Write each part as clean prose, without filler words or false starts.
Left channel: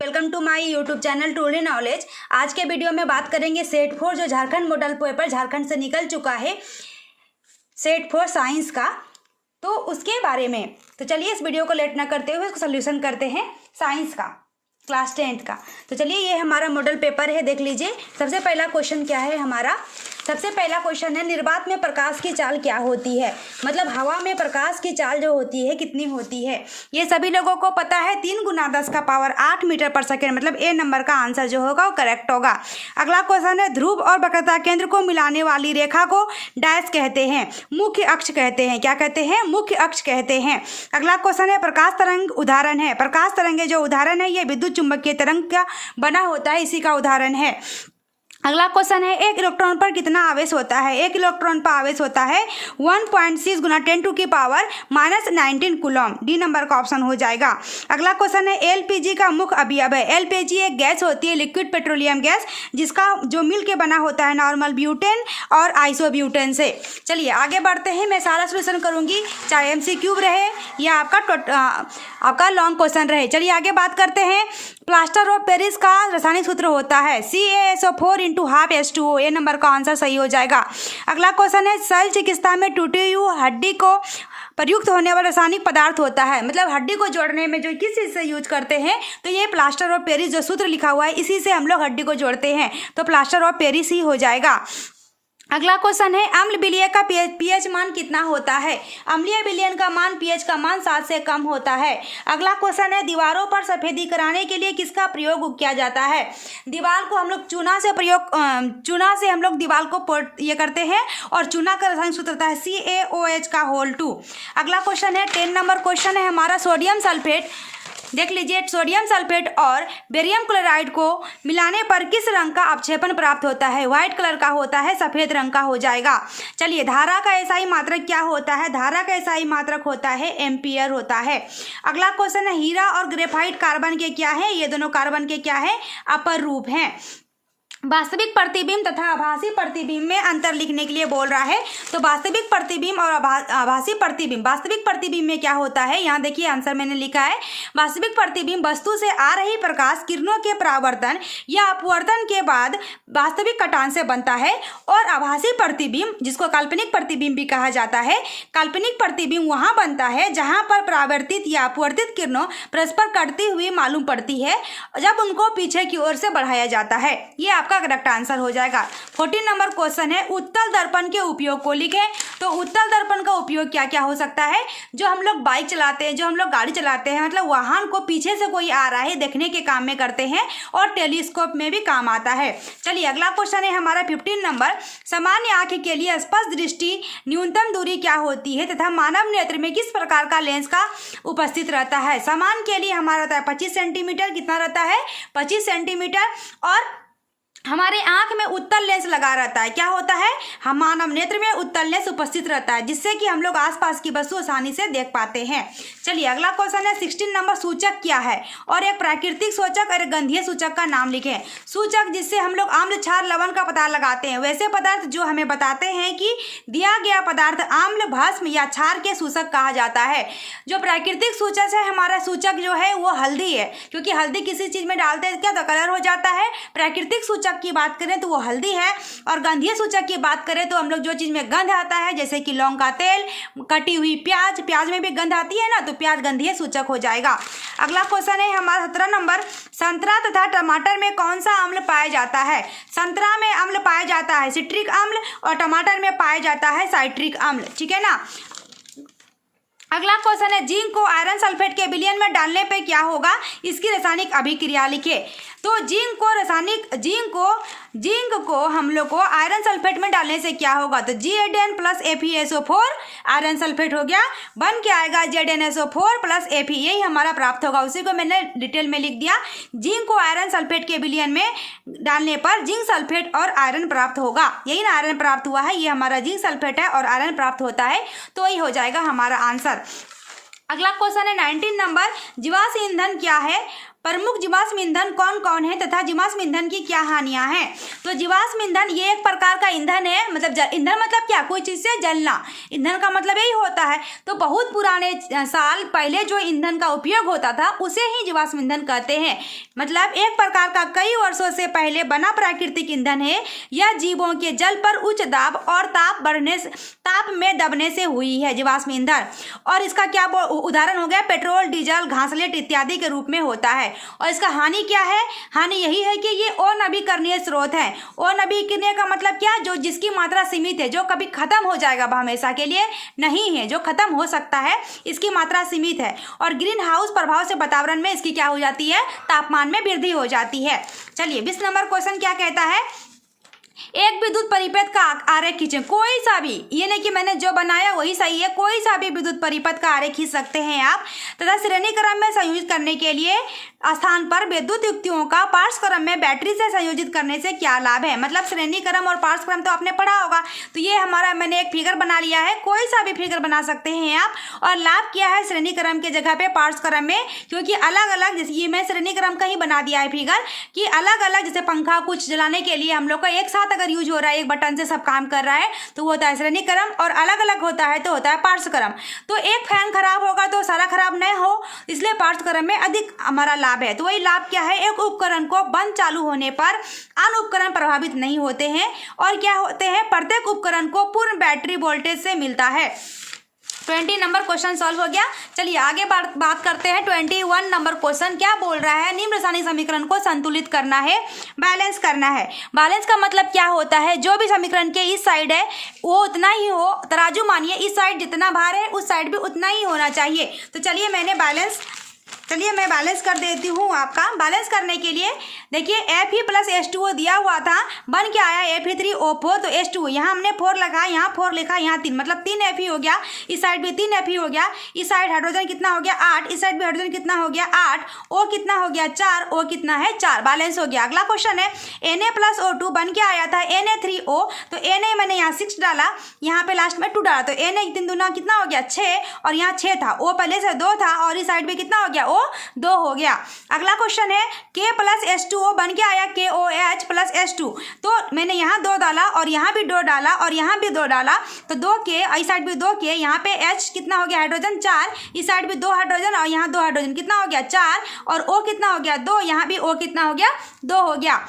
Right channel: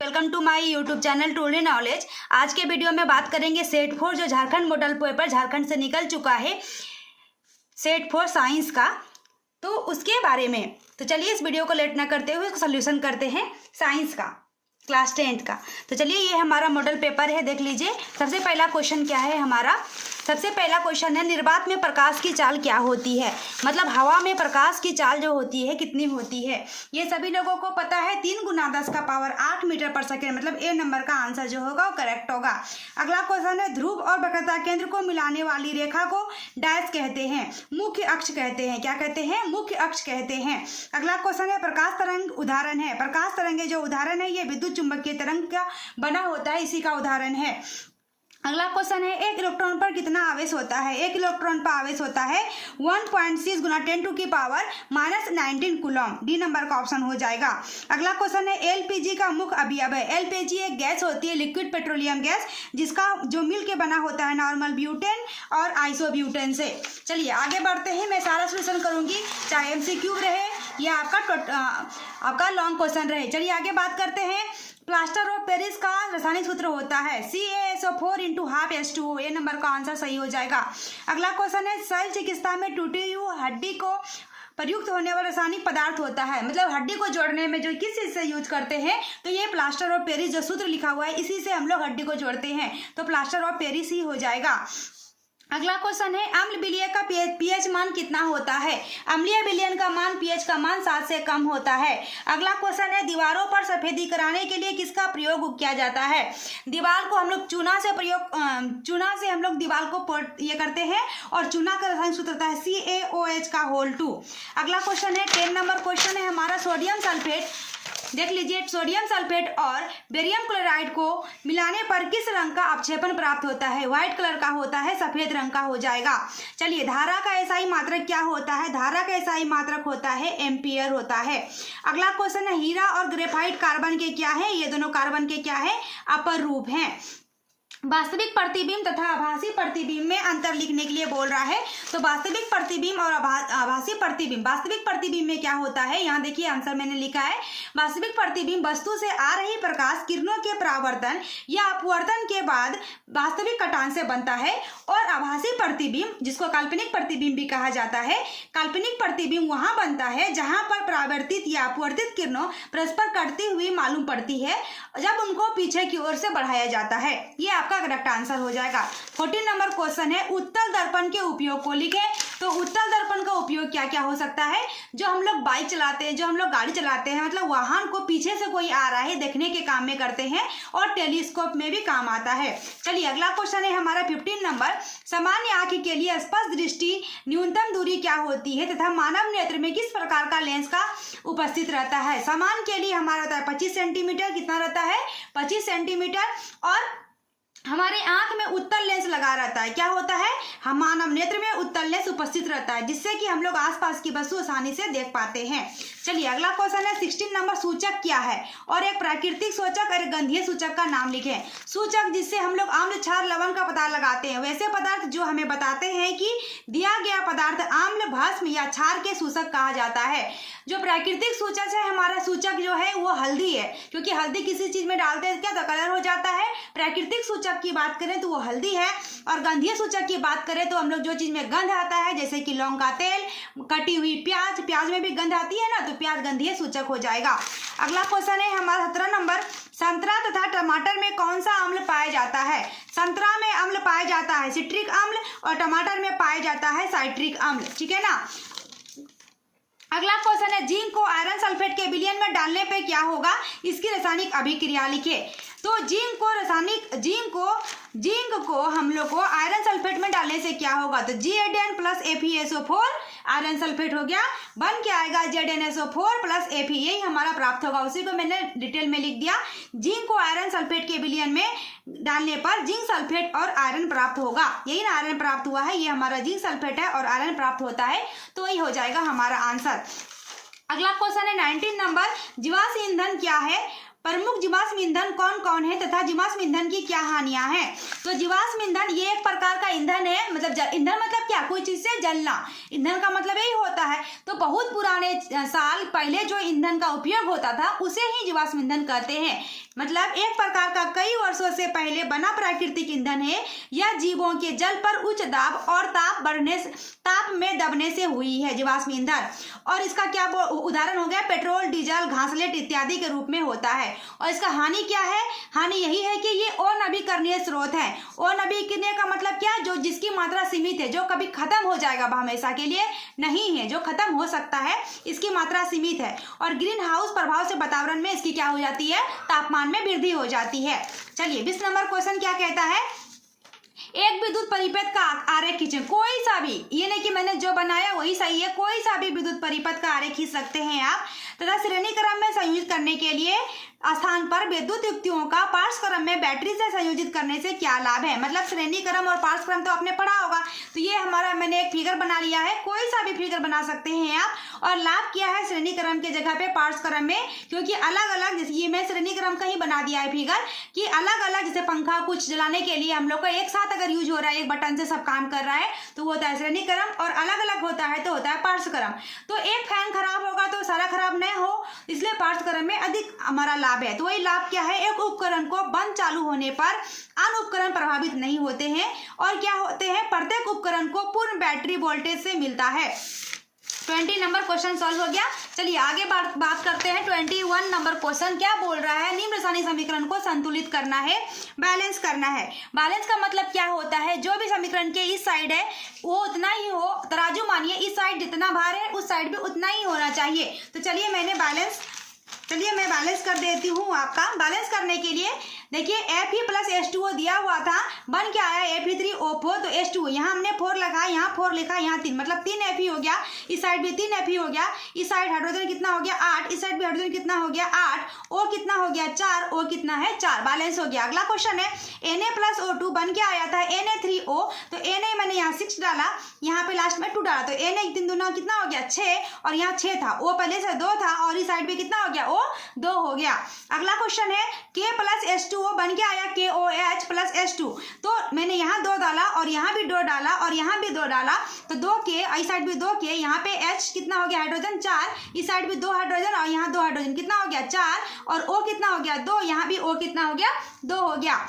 Welcome to my YouTube channel Today Knowledge. आज के video में बात करेंगे सेट 4 जो झारखंड मॉडल पेपर झारखंड से निकल चुका है, सेट 4 साइंस का, तो उसके बारे में। तो चलिए इस वीडियो को लेट ना करते हुए इसको सोल्यूशन करते हैं साइंस का, क्लास 10th का। तो चलिए ये हमारा मॉडल पेपर है, देख लीजिए। सबसे पहला क्वेश्चन क्या है हमारा? सबसे पहला क्वेश्चन है निर्वात में प्रकाश की चाल क्या होती है। मतलब हवा में प्रकाश की चाल जो होती है कितनी होती है, ये सभी लोगों को पता है। 3 × 10⁸ मीटर पर सेकेंड, मतलब ए नंबर का आंसर जो होगा वो करेक्ट होगा। अगला क्वेश्चन है ध्रुव और वक्रता केंद्र को मिलाने वाली रेखा को डैश कहते हैं, मुख्य अक्ष कहते हैं। क्या कहते हैं? मुख्य अक्ष कहते हैं। अगला क्वेश्चन है प्रकाश तरंग उदाहरण है। प्रकाश तरंग जो उदाहरण है ये विद्युत चुंबकीय तरंग का बना होता है, इसी का उदाहरण है। अगला क्वेश्चन है एक इलेक्ट्रॉन पर कितना आवेश होता है। एक इलेक्ट्रॉन पर आवेश होता है 1.6 × 10⁻⁻19 कूलम। डी नंबर का ऑप्शन हो जाएगा। अगला क्वेश्चन है एलपीजी का मुख्य अवयव है। एलपीजी एक गैस होती है, लिक्विड पेट्रोलियम गैस, जिसका जो मिल के बना होता है नॉर्मल ब्यूटेन और आइसोब्यूटेन से। चलिए आगे बढ़ते हैं, मैं सारा सोल्यूशन करूंगी, चाहे एमसीक्यू रहे या आपका लॉन्ग क्वेश्चन रहे। चलिए आगे बात करते हैं। प्लास्टर ऑफ पेरिस का रासायनिक सूत्र होता है CaSO4 × 12H2O। ये नंबर का आंसर सही हो जाएगा। अगला क्वेश्चन है शल्य चिकित्सा में टूटी हुई हड्डी को प्रयुक्त होने वाला रासायनिक पदार्थ होता है। मतलब हड्डी को जोड़ने में जो किस चीज़ से यूज करते हैं, तो ये प्लास्टर ऑफ पेरिस जो सूत्र लिखा हुआ है इसी से हम लोग हड्डी को जोड़ते हैं, तो प्लास्टर ऑफ पेरिस ही हो जाएगा। अगला क्वेश्चन है अम्ल विलयन का पीएच मान कितना होता है। अम्लीय विलयन का मान पीएच का मान 7 से कम होता है। अगला क्वेश्चन है दीवारों पर सफेदी कराने के लिए किसका प्रयोग किया जाता है। दीवार को हम लोग चूना से हम लोग दीवार को ये करते हैं, और चूना का रासायनिक सूत्र होता है CaOH2। अगला क्वेश्चन है 10 नंबर क्वेश्चन है हमारा सोडियम सल्फेट। देख लीजिए सोडियम सल्फेट और बेरियम क्लोराइड को मिलाने पर किस रंग का अपक्षेपण प्राप्त होता है। व्हाइट कलर का होता है, सफेद रंग का हो जाएगा। चलिए धारा का एसआई मात्रक क्या होता है। धारा का एसआई मात्रक होता है एम्पियर होता है। अगला क्वेश्चन है हीरा और ग्रेफाइट कार्बन के क्या है। ये दोनों कार्बन के क्या है? अपर रूप हैं। वास्तविक प्रतिबिंब तथा आभासी प्रतिबिंब में अंतर लिखने के लिए बोल रहा है। तो वास्तविक प्रतिबिंब और आभासी प्रतिबिंब, वास्तविक प्रतिबिंब में क्या होता है, यहाँ देखिए आंसर मैंने लिखा है। वास्तविक प्रतिबिंब वस्तु से आ रही प्रकाश किरणों के परावर्तन या अपवर्तन के बाद वास्तविक कटान से बनता है। और आभासी प्रतिबिंब, जिसको काल्पनिक प्रतिबिंब भी कहा जाता है, काल्पनिक प्रतिबिंब वहां बनता है जहां पर परावर्तित या अपवर्तित किरणों परस्पर कटती हुई मालूम पड़ती है जब उनको पीछे की ओर से बढ़ाया जाता है। ये आपका करेक्ट आंसर हो जाएगा। 14 नंबर क्वेश्चन है उत्तल दर्पण के उपयोग को लिखें। तो उत्तल दर्पण का उपयोग क्या क्या हो सकता है। जो हम लोग बाइक चलाते हैं, जो हम लोग गाड़ी चलाते हैं, मतलब वाहन को पीछे से कोई आ रहा है देखने के काम में करते हैं, और टेलीस्कोप में भी काम आता है। चलिए अगला क्वेश्चन है हमारा 15 नंबर। सामान्य आंख के लिए स्पष्ट दृष्टि न्यूनतम दूरी क्या होती है तथा मानव नेत्र में किस प्रकार का लेंस का उपस्थित रहता है। सामान्य के लिए हमारा रहता है 25 सेंटीमीटर। कितना रहता है? 25 सेंटीमीटर। और हमारे आंख में उत्तल लेंस लगा रहता है। क्या होता है? हम मानव नेत्र में उत्तल लेंस उपस्थित रहता है, जिससे कि हम लोग आसपास की वस्तु आसानी से देख पाते हैं। चलिए अगला क्वेश्चन है 16 नंबर सूचक क्या है। और एक प्राकृतिक सूचक और एक गंधीय सूचक का नाम लिखें। सूचक जिससे हम लोग अम्ल क्षार लवण का पता लगाते हैं, वैसे पदार्थ जो हमें बताते हैं कि दिया गया पदार्थ अम्ल भस्म या क्षार के सूचक कहा जाता है। जो प्राकृतिक सूचक है हमारा सूचक जो है वो हल्दी है, क्योंकि हल्दी किसी चीज में डालते हैं क्या तो कलर हो जाता है। प्राकृतिक सूचक की बात करें तो वो हल्दी है। और गंधीय सूचक की बात करें तो हम लोग जो चीज में गंध आता है, जैसे कि लौंग का तेल, कटी हुई प्याज, प्याज में भी गंध आती है ना, तो प्याज गंधीय सूचक हो जाएगा। अगला क्वेश्चन है हमारा 17 नंबर। संतरा तथा टमाटर में कौन सा अम्ल पाया जाता है। संतरा में अम्ल पाया जाता है सिट्रिक अम्ल, और टमाटर में पाया जाता है साइट्रिक अम्ल। ठीक है ना। अगला क्वेश्चन है जिंक को आयरन सल्फेट के विलयन में डालने पे क्या होगा। इसकी रासायनिक अभिक्रिया लिखे। तो जिंक को हम लोग को आयरन सल्फेट में डालने से क्या होगा। तो Zn + FeSO4 आयरन सल्फेट हो गया, बन के आएगा ZnSO4 + Fe। यही हमारा प्राप्त होगा। उसी को मैंने डिटेल में लिख दिया। जिंक को आयरन सल्फेट के विलयन में डालने पर जिंक सल्फेट और आयरन प्राप्त होगा। यही ना आयरन प्राप्त हुआ है, ये हमारा जिंक सल्फेट है और आयरन प्राप्त होता है, तो वही हो जाएगा हमारा आंसर। अगला क्वेश्चन है 19 नंबर। जीवाश्म ईंधन क्या है। प्रमुख जीवाश्म ईंधन कौन कौन है तथा जीवाश्म ईंधन की क्या हानियां हैं। तो जीवाश्म ईंधन ये एक प्रकार का ईंधन है, मतलब ईंधन मतलब क्या, कोई चीज से जलना, ईंधन का मतलब यही होता है। तो बहुत पुराने साल पहले जो ईंधन का उपयोग होता था उसे ही जीवाश्म ईंधन कहते हैं। मतलब एक प्रकार का कई वर्षों से पहले बना प्राकृतिक ईंधन है। यह जीवों के जल पर उच्च दाब और ताप में दबने से हुई है जीवाश्म ईंधन। और इसका क्या उदाहरण हो गया, पेट्रोल, डीजल, घासलेट इत्यादि के रूप में होता है। और इसका हानि क्या है, हानि यही है कि ये अनवीकरणीय स्रोत है। अनवीकरणीय का मतलब क्या, जो जिसकी मात्रा सीमित है, जो कभी खत्म हो जाएगा हमेशा के लिए नहीं है, जो खत्म हो सकता है, इसकी मात्रा सीमित है। और ग्रीन हाउस प्रभाव से वातावरण में इसकी क्या हो जाती है, तापमान में वृद्धि हो जाती है। चलिए 20 नंबर क्वेश्चन क्या कहता है, एक विद्युत परिपथ का आरेख खींचें। कोई सा भी, ये नहीं कि मैंने जो बनाया वही सही है, कोई सा भी विद्युत परिपथ का आरेख खींच सकते हैं आप। तथा श्रेणी क्रम में संयोजित करने के लिए स्थान पर विद्युत युक्तियों का पार्श्व क्रम में बैटरी से संयोजित करने से क्या लाभ है। मतलब श्रेणी क्रम और पार्श्व क्रम तो आपने पढ़ा होगा। तो ये हमारा, मैंने एक फिगर बना लिया है, कोई सा भी फिगर बना सकते हैं आप। और लाभ क्या है श्रेणी क्रम के जगह पे पार्श्व क्रम में, क्योंकि अलग अलग, जैसे ये मैं श्रेणी क्रम का ही बना दिया है फिगर, कि अलग अलग, जैसे पंखा कुछ जलाने के लिए हम लोग का एक साथ अगर यूज हो रहा है, एक बटन से सब काम कर रहा है, तो वो होता है श्रेणी क्रम। और अलग अलग होता है तो होता है पार्श्व क्रम। तो एक फैन खराब होगा तो सारा खराब नहीं हो, इसलिए पार्श्व क्रम में अधिक हमारा लाभ है। तो वही लाभ क्या है, एक उपकरण को बंद चालू होने पर अन्य उपकरण प्रभावित नहीं होते हैं। और क्या होते हैं, प्रत्येक उपकरण को पूर्ण बैटरी वोल्टेज से मिलता है। 20 नंबर क्वेश्चन सॉल्व हो गया। चलिए आगे बात करते हैं। 21 नंबर क्वेश्चन क्या बोल रहा है, निम्न रासायनिक समीकरण को संतुलित करना है, बैलेंस करना है। बैलेंस का मतलब क्या होता है, जो भी समीकरण के इस साइड है वो उतना ही हो, तराजू मानिए इस साइड जितना भार है उस साइड भी उतना ही होना चाहिए। तो चलिए मैं बैलेंस कर देती हूँ आपका। बैलेंस करने के लिए देखिए Fe प्लस H2O दिया हुआ था, बन के आया Fe3O4, तो H2O यहाँ हमने 4 लगा, यहाँ 4 लिखा, यहाँ 3, मतलब 3 Fe हो गया। इस साइड भी 3 Fe हो गया। इस साइड हाइड्रोजन कितना हो गया 8, इस साइड भी हाइड्रोजन कितना हो गया 8, O कितना हो गया 4, O कितना है 4, बैलेंस हो गया। अगला क्वेश्चन है Na प्लस O2 बन के आया था Na3O, तो Na मैंने यहाँ 6 डाला, यहाँ पे लास्ट में 2 डाला, तो Na 3 दूना कितना हो गया 6, और यहाँ 6 था, O पहले से 2 था, और इस साइड भी कितना हो गया 2 हो गया। अगला क्वेश्चन है K प्लस H2O बन के आया KOH प्लस H2, तो मैंने यहाँ 2 डाला और यहाँ भी 2 डाला और यहाँ भी 2 डाला, तो 2K, इस साइड भी 2K, यहाँ पे H कितना हो गया हाइड्रोजन 4, इस साइड भी 2 हाइड्रोजन और यहाँ 2 हाइड्रोजन, कितना हो गया 4, और O कितना हो गया 2, यहाँ भी O कितना हो गया 2 हो गया।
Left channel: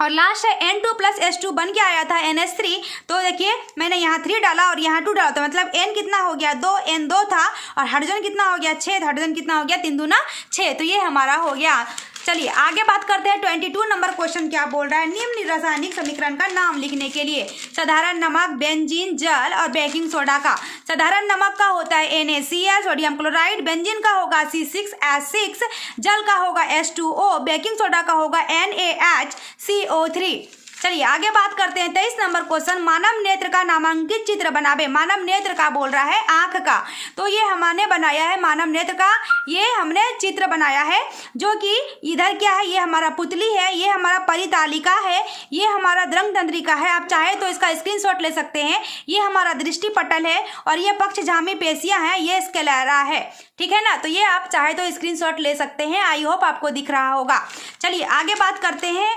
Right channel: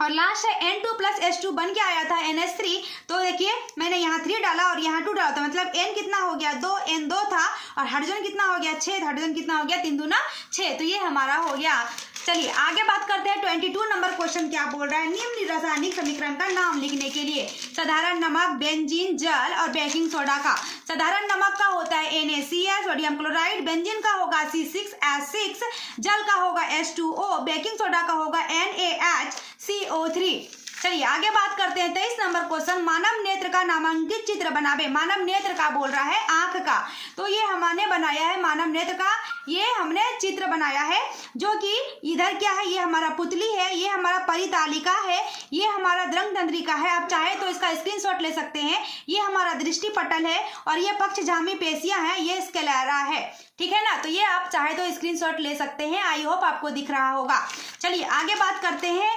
और लास्ट है N2 प्लस H2 बन के आया था NH3, तो देखिए मैंने यहाँ 3 डाला और यहाँ 2 डाला, तो मतलब N कितना हो गया 2, N 2 था, और हाइड्रोजन कितना हो गया 6, हाइड्रोजन कितना हो गया 3 दूना 6, तो ये हमारा हो गया। चलिए आगे बात करते हैं। 22 नंबर क्वेश्चन क्या बोल रहा है, निम्न रासायनिक समीकरण का नाम लिखने के लिए साधारण नमक, बेंजीन, जल और बेकिंग सोडा का। साधारण नमक का होता है NaCl सोडियम क्लोराइड, बेंजीन का होगा C6H6, जल का होगा H2O, बेकिंग सोडा का होगा NaHCO3। चलिए आगे बात करते हैं। 23 नंबर क्वेश्चन, मानव नेत्र का नामांकित चित्र बनावे। मानव नेत्र का बोल रहा है आंख का, तो ये हमने बनाया है मानव नेत्र का, ये हमने चित्र बनाया है, जो कि इधर क्या है, ये हमारा पुतली है, ये हमारा परितालिका है, ये हमारा द्रंग तंत्रिका है। आप चाहे तो इसका स्क्रीनशॉट ले सकते हैं। ये हमारा दृष्टि पटल है, और ये पक्षझामी पेशियां हैं, ये स्क्लेरा है, ठीक है ना। तो ये आप चाहे तो स्क्रीनशॉट ले सकते हैं। आई होप आपको दिख रहा होगा। चलिए आगे बात करते हैं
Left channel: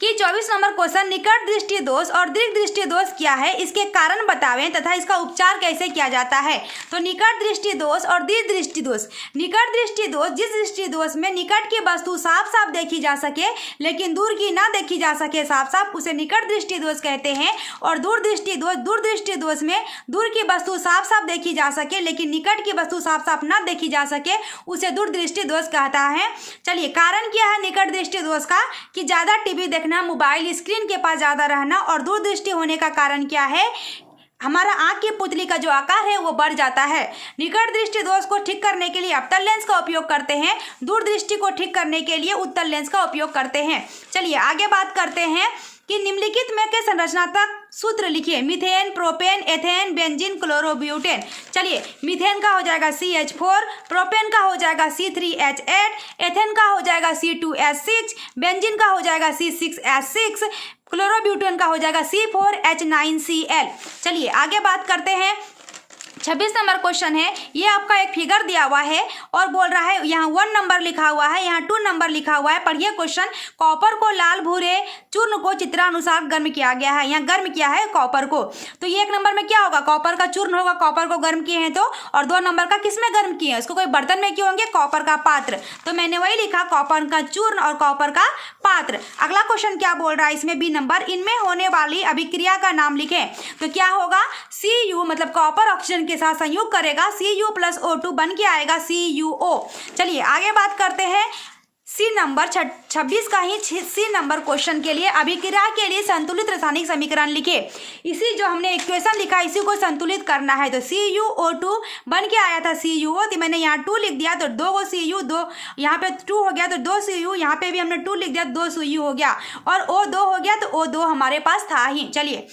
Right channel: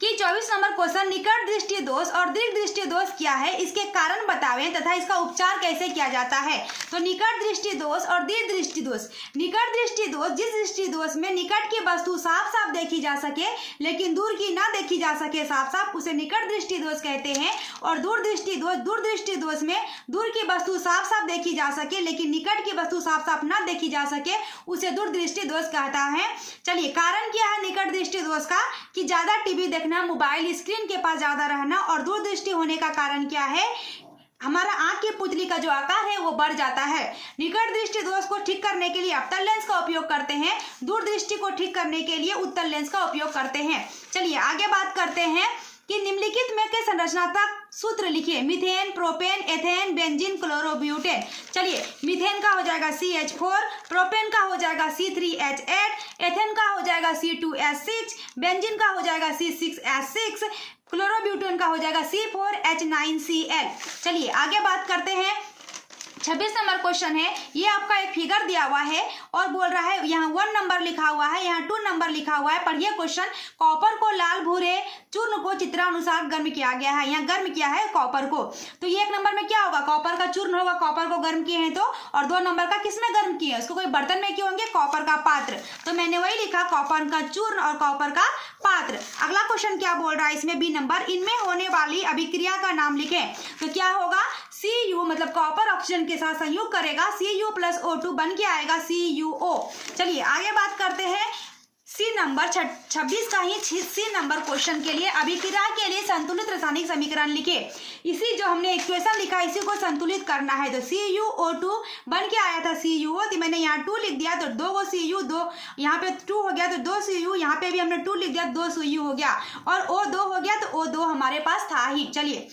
कि 24 नंबर क्वेश्चन, निकट दृष्टि दोष और दीर्घ दृष्टि दोष क्या है, इसके कारण बतावें तथा इसका उपचार कैसे किया जाता है। तो निकट दृष्टि दोष और दीर्घ दृष्टि दोष। निकट दृष्टि दोष, जिस दृष्टि दोष में निकट की वस्तु साफ साफ देखी जा सके लेकिन दूर की ना देखी जा सके साफ साफ, उसे निकट दृष्टि दोष कहते हैं। और दूर दृष्टि दोष में दूर की वस्तु साफ साफ देखी जा सके लेकिन निकट की वस्तु साफ साफ ना देखी जा सके, उसे दूर दृष्टि दोष कहता है। चलिए कारण क्या है निकट दृष्टि दोष का, कि ज्यादा टीवी देखना, मोबाइल स्क्रीन के पास ज्यादा रहना। और दूरदृष्टि होने का कारण क्या है, हमारा आंख की पुतली का जो आकार है वो बढ़ जाता है। निकट दृष्टि दोष को ठीक करने के लिए अवतल लेंस का उपयोग करते हैं, दूरदृष्टि को ठीक करने के लिए उत्तल लेंस का उपयोग करते हैं। चलिए आगे बात करते हैं कि निम्नलिखित में के संरचनात्मक सूत्र लिखिए। Methane, propane, ethane, benzene, chlorobutane. चलिए मीथेन का हो जाएगा CH4, प्रोपेन का हो जाएगा C3H8, एथेन का हो जाएगा C2H6, बेंजीन का हो जाएगा C6H6, क्लोरोब्यूटेन का हो जाएगा C4H9Cl। चलिए आगे बात करते हैं 26 नंबर क्वेश्चन है, ये आपका एक फिगर दिया हुआ है और बोल रहा है यहाँ 1 नंबर लिखा हुआ है, यहाँ 2 नंबर लिखा हुआ है। पढ़िए क्वेश्चन। कॉपर को लाल भूरे चूर्ण को चित्रानुसार गर्म किया गया है, यहाँ गर्म किया है कॉपर को। तो ये 1 नंबर में क्या होगा, कॉपर का चूर्ण होगा, कॉपर को गर्म किए हैं तो। और 2 नंबर का किस में गर्म किए हैं, उसको कोई बर्तन में किए होंगे, कॉपर का पात्र। तो मैंने वही लिखा, कॉपर का चूर्ण और कॉपर का पात्र। अगला क्वेश्चन क्या बोल रहा है इसमें, बी नंबर, इनमें होने वाली अभिक्रिया का नाम लिखें। तो क्या होगा, Cu मतलब कॉपर ऑक्सीजन के साथ संयोग करेगा, Cu प्लस O2 बन के आएगा CuO। चलिए आगे बात करते हैं सी नंबर 26 का ही सी नंबर क्वेश्चन के लिए, अभिक्रिया के लिए संतुलित रासायनिक समीकरण लिखे। इसी जो हमने इक्वेशन लिखा इसी को संतुलित करना है। तो CuO2 बन के आया था CuO, तो मैंने यहाँ 2 लिख दिया, तो 2 Cu, 2 यहाँ पे 2 हो गया, तो 2 Cu, यहाँ पे भी हमने 2 लिख दिया, 2 Cu हो गया, और O2 हो गया, तो O2 हमारे पास था ही। चलिए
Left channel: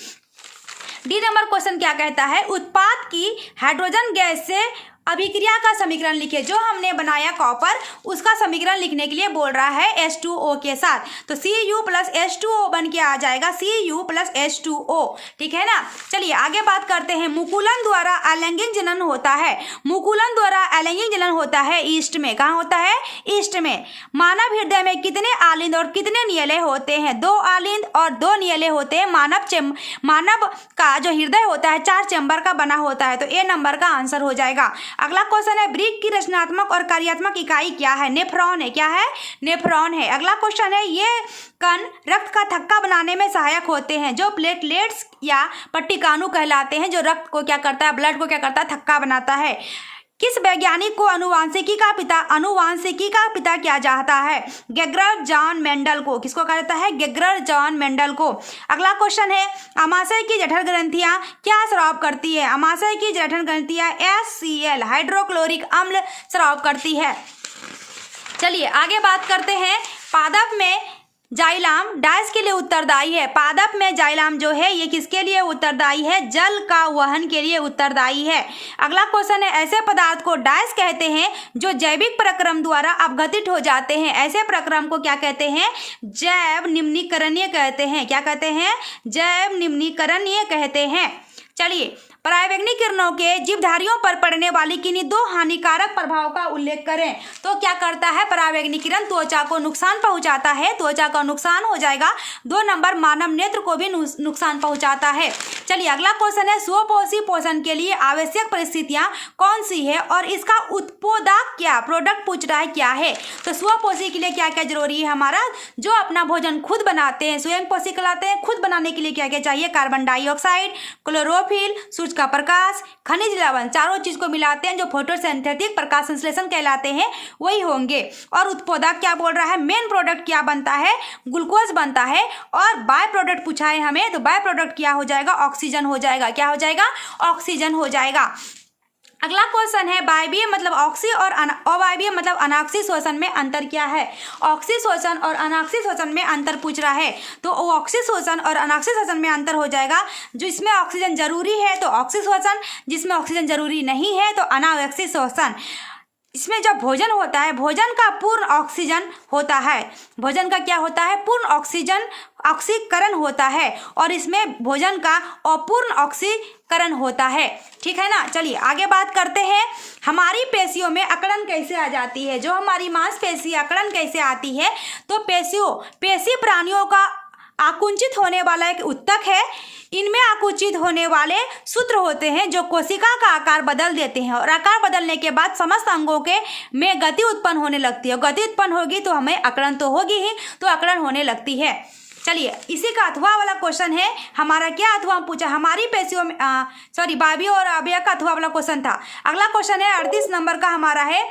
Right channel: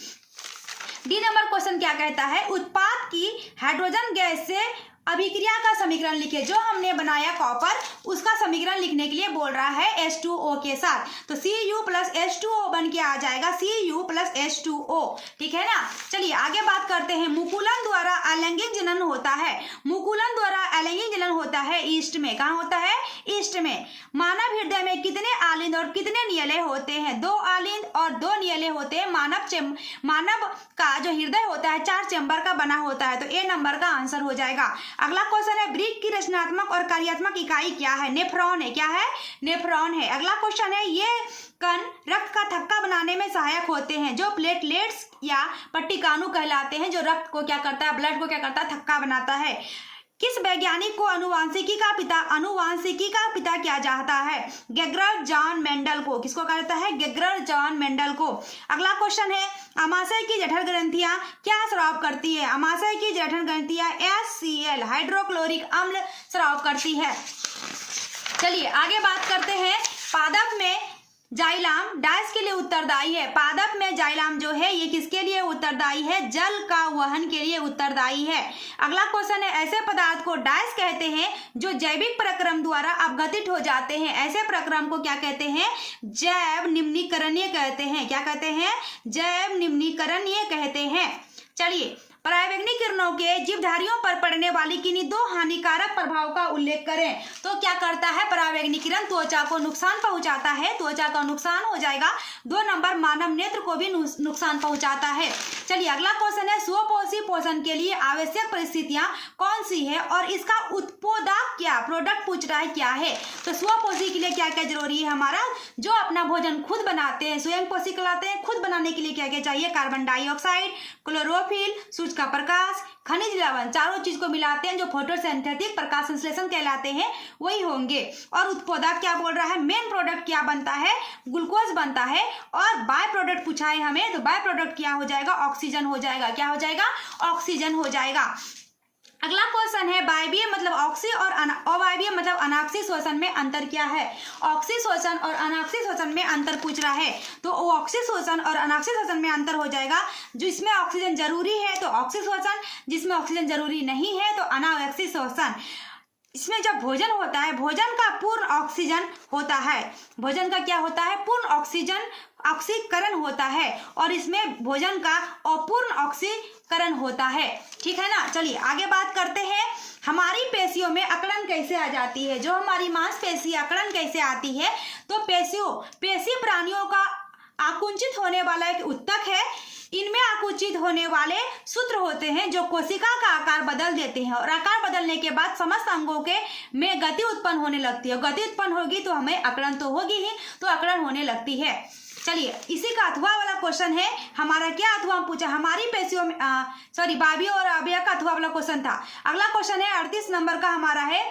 डी नंबर क्वेश्चन क्या कहता है, उत्पाद की हाइड्रोजन गैस से अभिक्रिया का समीकरण लिखे। जो हमने बनाया कॉपर, उसका समीकरण लिखने के लिए बोल रहा है H2O के साथ। तो Cu प्लस H2O बन के आ जाएगा Cu प्लस H2O, ठीक है ना। चलिए आगे बात करते हैं, मुकुलन द्वारा अलैंगिक जनन होता है। मुकुलन द्वारा अलैंगिक जनन होता है ईस्ट में। कहाँ होता है, ईस्ट में। मानव हृदय में कितने आलिंद और कितने नियले होते हैं, 2 आलिंद और 2 नियले होते हैं। मानव का जो हृदय होता है 4 चैम्बर का बना होता है। तो ए नंबर का आंसर हो जाएगा। अगला क्वेश्चन है, ब्रिक की रचनात्मक और कार्यात्मक इकाई क्या है, नेफ्रॉन है। क्या है, नेफ्रॉन है। अगला क्वेश्चन है, ये कण रक्त का थक्का बनाने में सहायक होते हैं। जो प्लेटलेट्स या पट्टिकाणु कहलाते हैं, जो रक्त को क्या करता है, ब्लड को क्या करता है, थक्का बनाता है। किस वैज्ञानिक को अनुवांशिकी का पिता किया जाता है, गेर्गर जॉन मेंडल को। किसको कहा जाता है, गेर्गर जॉन मेंडल को। अगला क्वेश्चन है, अमाशय की जठर ग्रंथियां क्या स्राव करती है। अमाशय की जठर ग्रंथियां HCl हाइड्रोक्लोरिक अम्ल स्राव करती है। चलिए आगे बात करते हैं, पादप में जाइलम डैश के लिए उत्तरदायी है। पादप में जाइलम जो है ये किसके लिए उत्तरदायी है, जल का वहन के लिए उत्तरदायी है। अगला क्वेश्चन है, ऐसे पदार्थ को डैश कहते हैं जो जैविक प्रक्रम द्वारा अपघटित हो जाते हैं। ऐसे प्रक्रम को क्या कहते हैं, जैव निम्नीकरणीय कहते हैं। क्या कहते हैं, जैव निम्नीकरणीय कहते हैं। चलिए परावैंगनिक किरणों के जीवधारियों पर पड़ने वाली किन्हीं 2 हानिकारक प्रभाव का उल्लेख करें। तो क्या करता है, परावैंगनिक किरण त्वचा को नुकसान पहुंचाता है, त्वचा का नुकसान हो जाएगा। 2 नंबर, मानव नेत्र को भी नुकसान पहुंचाता है। चलिए अगला क्वेश्चन है, स्वपोषी पोषण के लिए आवश्यक परिस्थितियां कौन सी है और इसका उत्पादक क्या, प्रोडक्ट पूछ रहा है क्या है। तो स्वपोषी के लिए क्या क्या जरूरी है, हमारा जो अपना भोजन खुद बनाते हैं, स्वयं पोषी कहलाते हैं। खुद बनाने के लिए क्या क्या चाहिए, कार्बन डाइऑक्साइड, क्लोरोफिल, सूर्य का प्रकाश, खनिज लवण, चारों चीज को मिलाते हैं जो फोटोसिंथेटिक प्रकाश संश्लेषण कहलाते हैं, वही होंगे। और उत्पादक क्या बोल रहा है, मेन प्रोडक्ट क्या बनता है, ग्लूकोज बनता है। और बाय प्रोडक्ट पूछा है हमें, तो बाय प्रोडक्ट क्या हो जाएगा, ऑक्सीजन हो जाएगा। क्या हो जाएगा, ऑक्सीजन हो जाएगा। अगला क्वेश्चन है, वायवीय मतलब ऑक्सी और अवायवीय मतलब अनाक्सी श्वसन में अंतर क्या है। ऑक्सी श्वसन और अनाक्सी श्वसन में अंतर पूछ रहा है। तो ऑक्सी श्वसन और अनाक्सी श्वसन में अंतर हो जाएगा। जो इसमें ऑक्सीजन जरूरी है तो ऑक्सी श्वसन, जिसमें ऑक्सीजन जरूरी नहीं है तो अनावश्यक श्वसन। इसमें जब भोजन होता है, भोजन का पूर्ण ऑक्सीजन होता है। भोजन का क्या होता है, पूर्ण ऑक्सीकरण होता है। और इसमें भोजन का अपूर्ण ऑक्सीकरण होता है, ठीक है ना। चलिए आगे बात करते हैं, हमारी पेशियों में अकड़न कैसे आ जाती है। जो हमारी मांसपेशी अकड़न कैसे आती है, तो पेशी प्राणियों का आकुंचित होने वाला एक ऊतक है। इनमें आकुंचित होने वाले सूत्र होते हैं जो कोशिका का आकार बदल देते हैं, और आकार बदलने के बाद समस्त अंगों के में गति उत्पन्न होने लगती है। गति उत्पन्न होगी तो हमें अकड़न तो होगी ही, तो अकड़न होने लगती है। चलिए इसी का अथवा वाला क्वेश्चन है हमारा, क्या अथवा पूछा, हमारी पेशियों में वायवीय और अवयव का अथवा वाला क्वेश्चन था। अगला क्वेश्चन है 38 नंबर का हमारा है,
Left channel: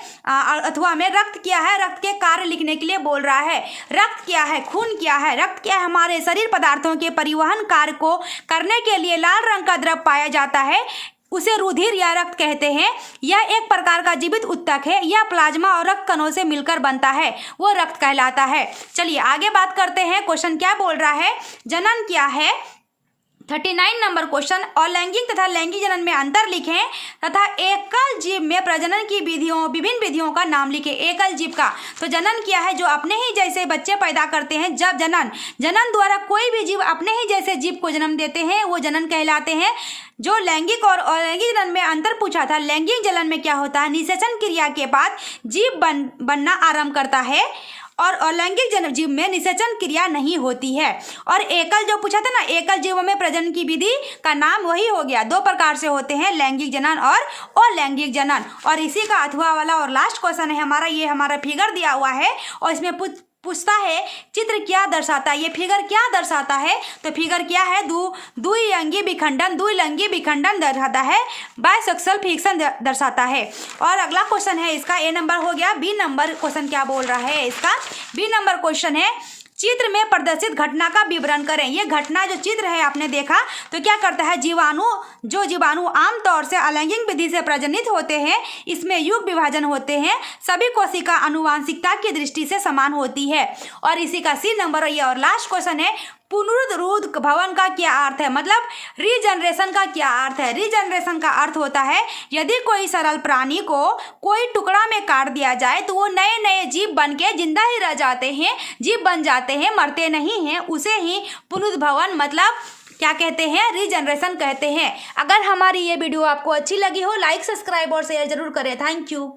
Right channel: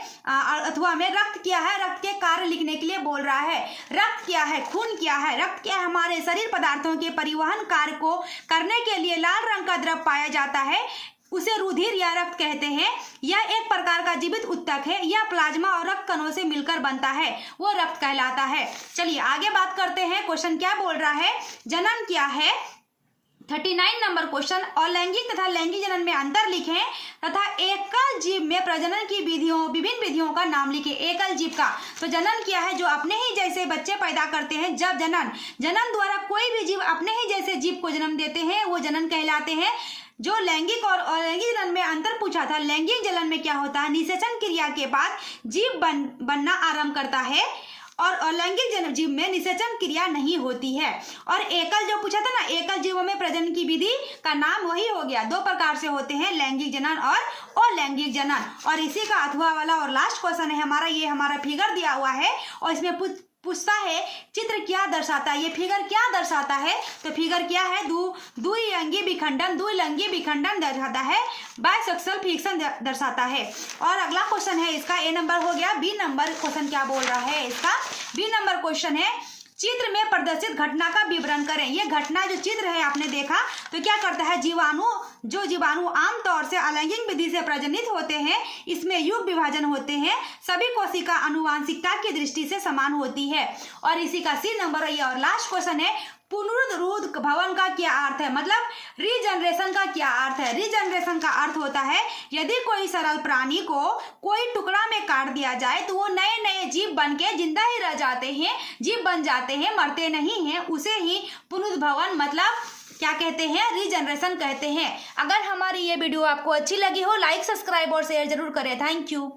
अथवा में रक्त क्या है, रक्त के कार्य लिखने के लिए बोल रहा है। रक्त क्या है, खून क्या है। रक्त क्या है, हमारे शरीर पदार्थों के परिवहन कार्य को करने के लिए लाल रंग का द्रव पाया जाता है, उसे रुधिर या रक्त कहते हैं। यह एक प्रकार का जीवित ऊतक है, यह प्लाज्मा और रक्त कणों से मिलकर बनता है, वो रक्त कहलाता है। चलिए आगे बात करते हैं, क्वेश्चन क्या बोल रहा है, जनन क्या है। 39 नंबर क्वेश्चन, अलैंगिक तथा लैंगिक जनन में अंतर लिखें तथा एकल जीव में प्रजनन की विभिन्न विधियों का नाम लिखें। एकल जीव का तो जनन क्या है, जो अपने ही जैसे बच्चे पैदा करते हैं। जब जनन द्वारा कोई भी जीव अपने ही जैसे जीव को जन्म देते हैं वो जनन कहलाते हैं। जो लैंगिक और अलैंगिक जलन में अंतर पूछा था, लैंगिक जलन में क्या होता है, निषेचन क्रिया के बाद जीव बनना आरंभ करता है और अलैंगिक जीव में निषेचन क्रिया नहीं होती है। और एकल जो पूछा था ना, एकल जीवों में प्रजनन की विधि का नाम वही हो गया। दो प्रकार से होते हैं, लैंगिक जनन और अलैंगिक जनन। और इसी का अथवा वाला और लास्ट क्वेश्चन है हमारा, ये हमारा फिगर दिया हुआ है और इसमें पूछता है चित्र क्या दर्शाता है, ये फिगर क्या दर्शाता है। तो फिगर क्या है, द्विलिंगी विखंडन दर्शाता है, बायसेक्सुअल फिक्शन दर्शाता है। और अगला क्वेश्चन है इसका, ए नंबर हो गया। बी नंबर क्वेश्चन क्या बोल रहा है इसका, बी नंबर क्वेश्चन है चित्र में प्रदर्शित घटना का विवरण करें। ये घटना जो चित्र है आपने देखा, तो क्या करता है, जीवाणु आमतौर से अलैंगिक विधि से प्रजनित होते हैं, इसमें युग विभाजन होते हैं, सभी कोशिका आनुवांशिकता की दृष्टि से समान होती है। और इसी का सी नंबर ये और लास्ट क्वेश्चन है, पुनरुत्पादन भवन का क्या अर्थ है, मतलब रीजनरेशन का क्या अर्थ है। रीजनरेशन का अर्थ होता है यदि कोई सरल प्राणी को कोई टुकड़ा में काट दिया जाए तो वो नए नए जीव बन के जिंदा ही रह जाते हैं, जीव बन जाते हैं, मरते नहीं हैं, उसे ही पुनरुत्पादन मतलब क्या कहते हैं, रीजनरेशन कहते हैं। अगर हमारी ये वीडियो आपको अच्छी लगी हो, लाइक सब्सक्राइब और शेयर जरूर करें। Thank you.